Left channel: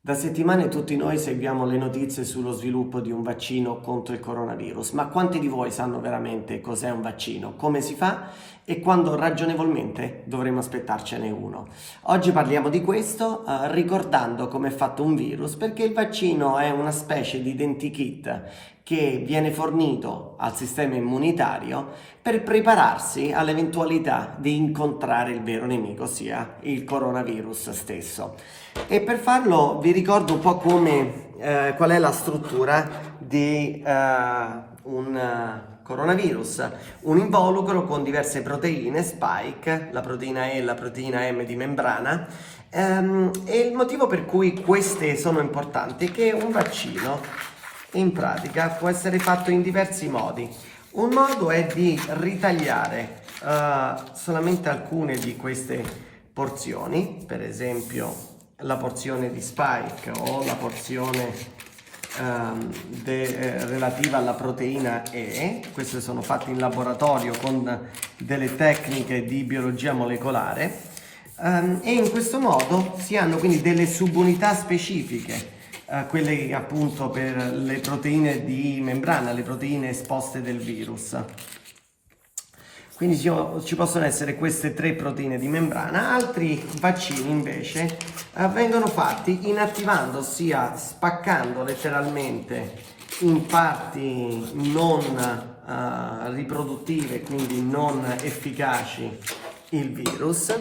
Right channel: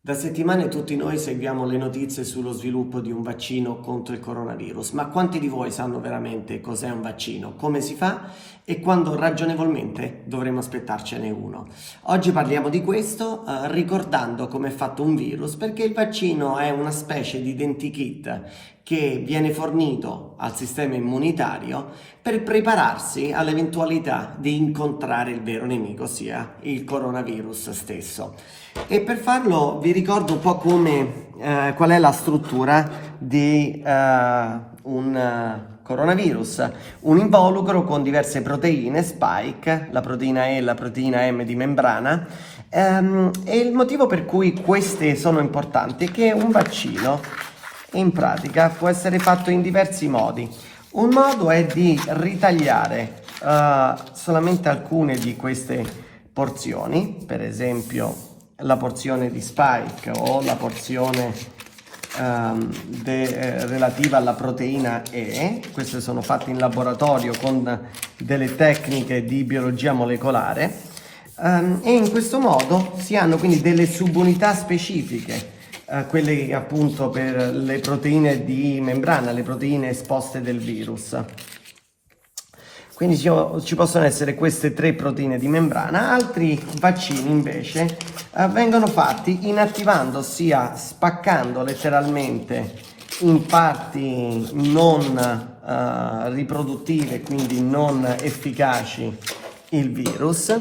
Da settimane tutti noi seguiamo le notizie sullo sviluppo di un vaccino contro il coronavirus, ma quanti di voi sanno veramente cos'è un vaccino, come si fa e quando ragionevolmente dovremo aspettarcene uno? Oggi parliamo di questo ricordando come è fatto un virus, perché il vaccino è una specie di identikit che viene fornito al sistema immunitario per prepararsi all'eventualità di incontrare il vero nemico, ossia il coronavirus stesso. E per farlo vi ricordo un po' qual è la struttura di un coronavirus, un involucro con diverse proteine, spike, la proteina E e la proteina M di membrana, e il motivo per cui queste sono importanti è che un vaccino in pratica può essere fatto in diversi modi. Un modo è di ritagliare solamente alcune di queste porzioni, per esempio la porzione di spike o la porzione relativa alla proteina E. Queste sono fatte in laboratorio con delle tecniche di biologia molecolare, e in questo modo si hanno quindi delle subunità specifiche, quelle appunto per le proteine di membrana, le proteine esposte del virus. Quindi ci possono essere queste tre proteine di membrana. Altri vaccini invece vengono fatti inattivando, ossia spaccando letteralmente in parti non riproduttive, quindi non efficaci, il virus.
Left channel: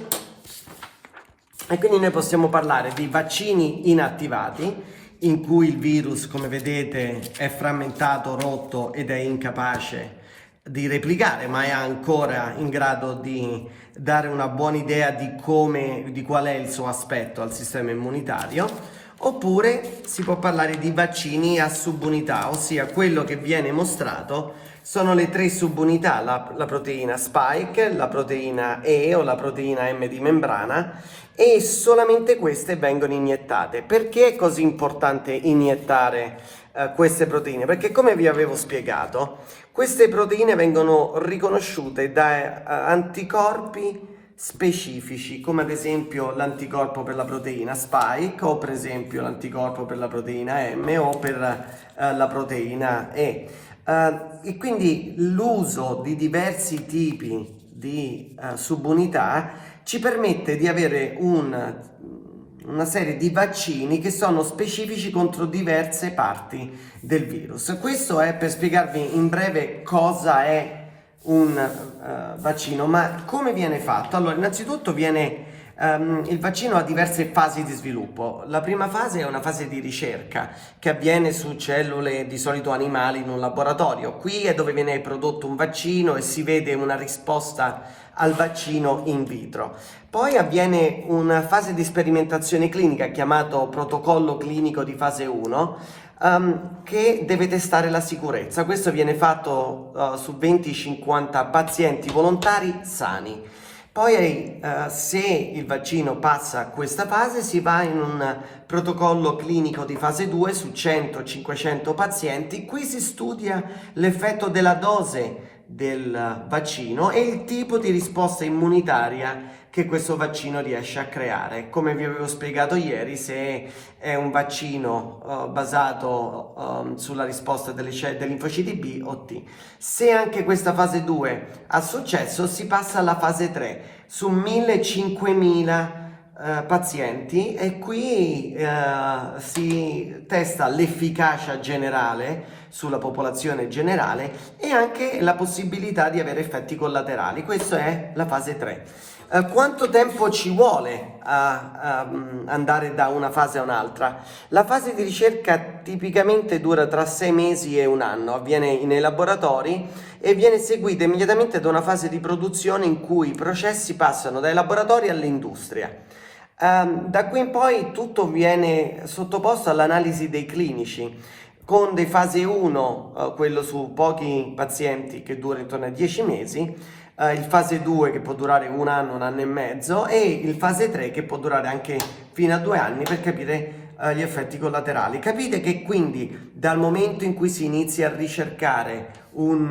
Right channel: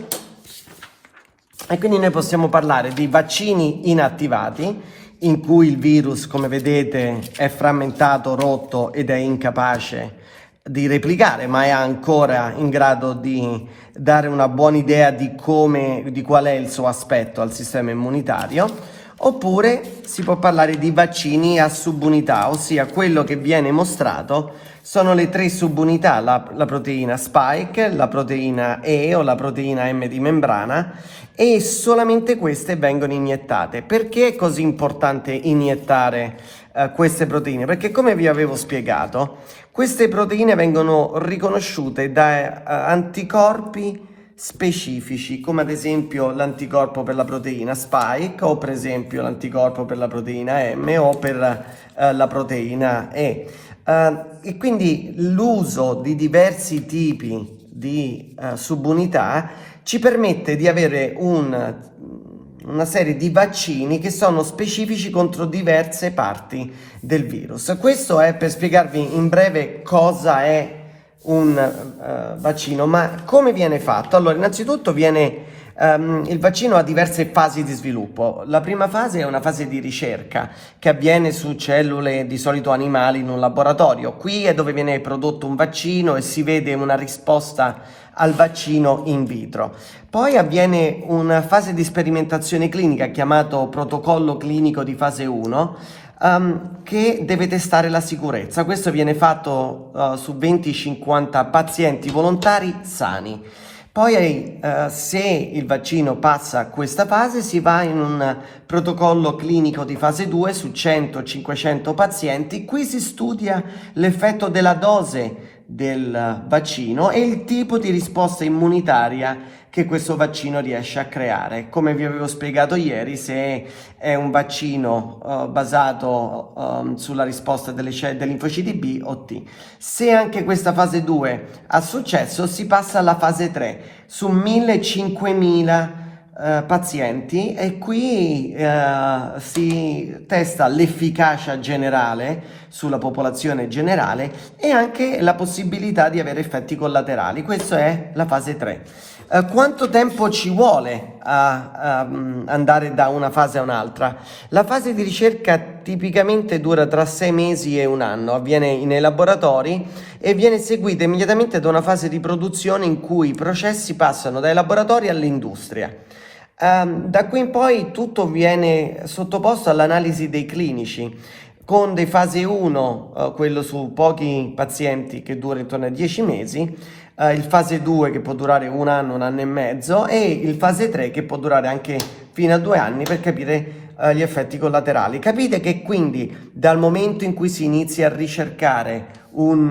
E quindi noi possiamo parlare di vaccini inattivati, in cui il virus, come vedete, è frammentato, rotto ed è incapace di replicare, ma è ancora in grado di dare una buona idea di qual è il suo aspetto al sistema immunitario. Oppure si può parlare di vaccini a subunità, ossia quello che viene mostrato sono le tre subunità, la proteina spike, la proteina E o la proteina M di membrana, e solamente queste vengono iniettate. Perché è così importante iniettare queste proteine? Perché, come vi avevo spiegato, queste proteine vengono riconosciute da anticorpi specifici, come ad esempio l'anticorpo per la proteina spike, o per esempio l'anticorpo per la proteina M o per la proteina E. E quindi l'uso di diversi tipi di subunità ci permette di avere una serie di vaccini che sono specifici contro diverse parti del virus. Questo è per spiegarvi in breve cosa è un vaccino, ma come viene fatto? Allora, innanzitutto il vaccino ha diverse fasi di sviluppo. La prima fase è una fase di ricerca che avviene su cellule di solito animali in un laboratorio. Qui è dove viene prodotto un vaccino e si vede una risposta al vaccino in vitro. Poi avviene una fase di sperimentazione clinica chiamato protocollo clinico di fase 1, che deve testare la sicurezza. Questo viene fatto su 20-50 pazienti volontari sani. Poi se il vaccino passa questa fase si va in un protocollo clinico di fase 2 su 100-500 pazienti. Qui si studia l'effetto della dose del vaccino e il tipo di risposta immunitaria che questo vaccino riesce a creare. Come vi avevo spiegato ieri, se è un vaccino basato sulla risposta delle linfociti B o T. Se anche questa fase 2 ha successo, si passa alla fase 3 su 1000-5000 pazienti, e qui si testa l'efficacia generale sulla popolazione generale e anche la possibilità di avere effetti collaterali. Questa è la fase 3. Quanto tempo ci vuole a andare da una fase a un'altra? La fase di ricerca tipicamente dura tra 6 mesi e un anno, avviene nei laboratori e viene seguita immediatamente da una fase di produzione in cui i processi passano dai laboratori all'industria. Da qui in poi tutto viene sottoposto all'analisi dei clinici, con dei fase 1, quello su pochi pazienti che dura intorno a 10 mesi, il fase 2 che può durare un anno e mezzo, e il fase 3 che può durare anche fino a 2 anni per capire gli effetti collaterali. Capite che quindi dal momento in cui si inizia a ricercare un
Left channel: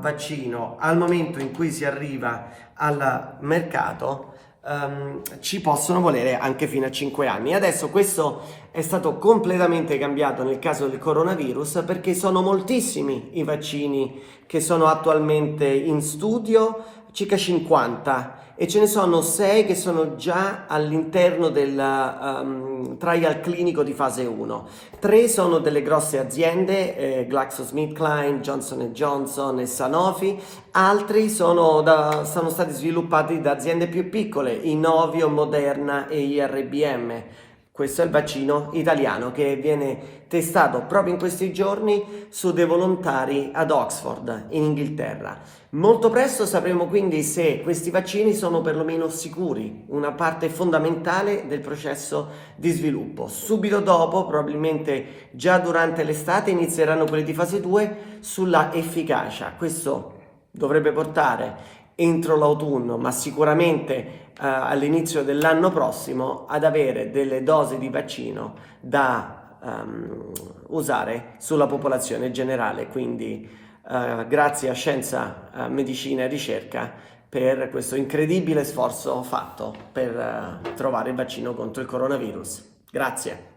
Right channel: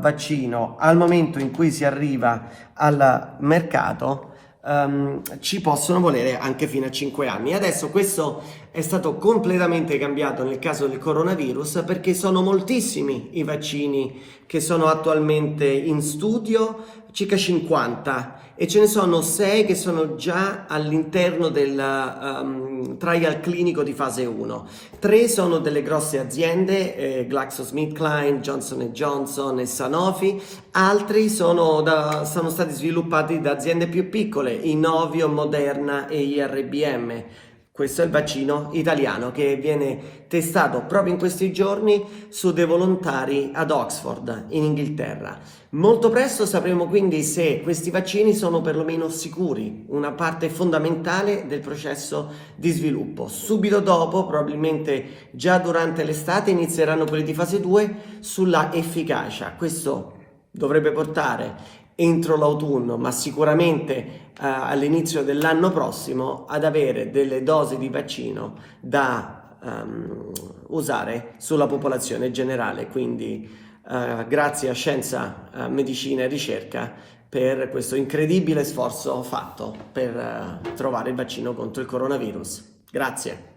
vaccino al momento in cui si arriva al mercato ci possono volere anche fino a 5 anni. Adesso questo è stato completamente cambiato nel caso del coronavirus, perché sono moltissimi i vaccini che sono attualmente in studio, circa 50, e ce ne sono 6 che sono già all'interno del trial clinico di fase 1. 3 sono delle grosse aziende, GlaxoSmithKline, Johnson Johnson e Sanofi. Altri sono stati sviluppati da aziende più piccole, Inovio, Moderna e IRBM. Questo è il vaccino italiano che viene testato proprio in questi giorni su dei volontari ad Oxford, in Inghilterra. Molto presto sapremo quindi se questi vaccini sono perlomeno sicuri, una parte fondamentale del processo di sviluppo. Subito dopo, probabilmente già durante l'estate, inizieranno quelli di fase 2 sulla efficacia. Questo dovrebbe portare entro l'autunno, ma sicuramente all'inizio dell'anno prossimo, ad avere delle dosi di vaccino da usare sulla popolazione generale. Quindi grazie a Scienza, Medicina e Ricerca per questo incredibile sforzo fatto per trovare il vaccino contro il coronavirus. Grazie.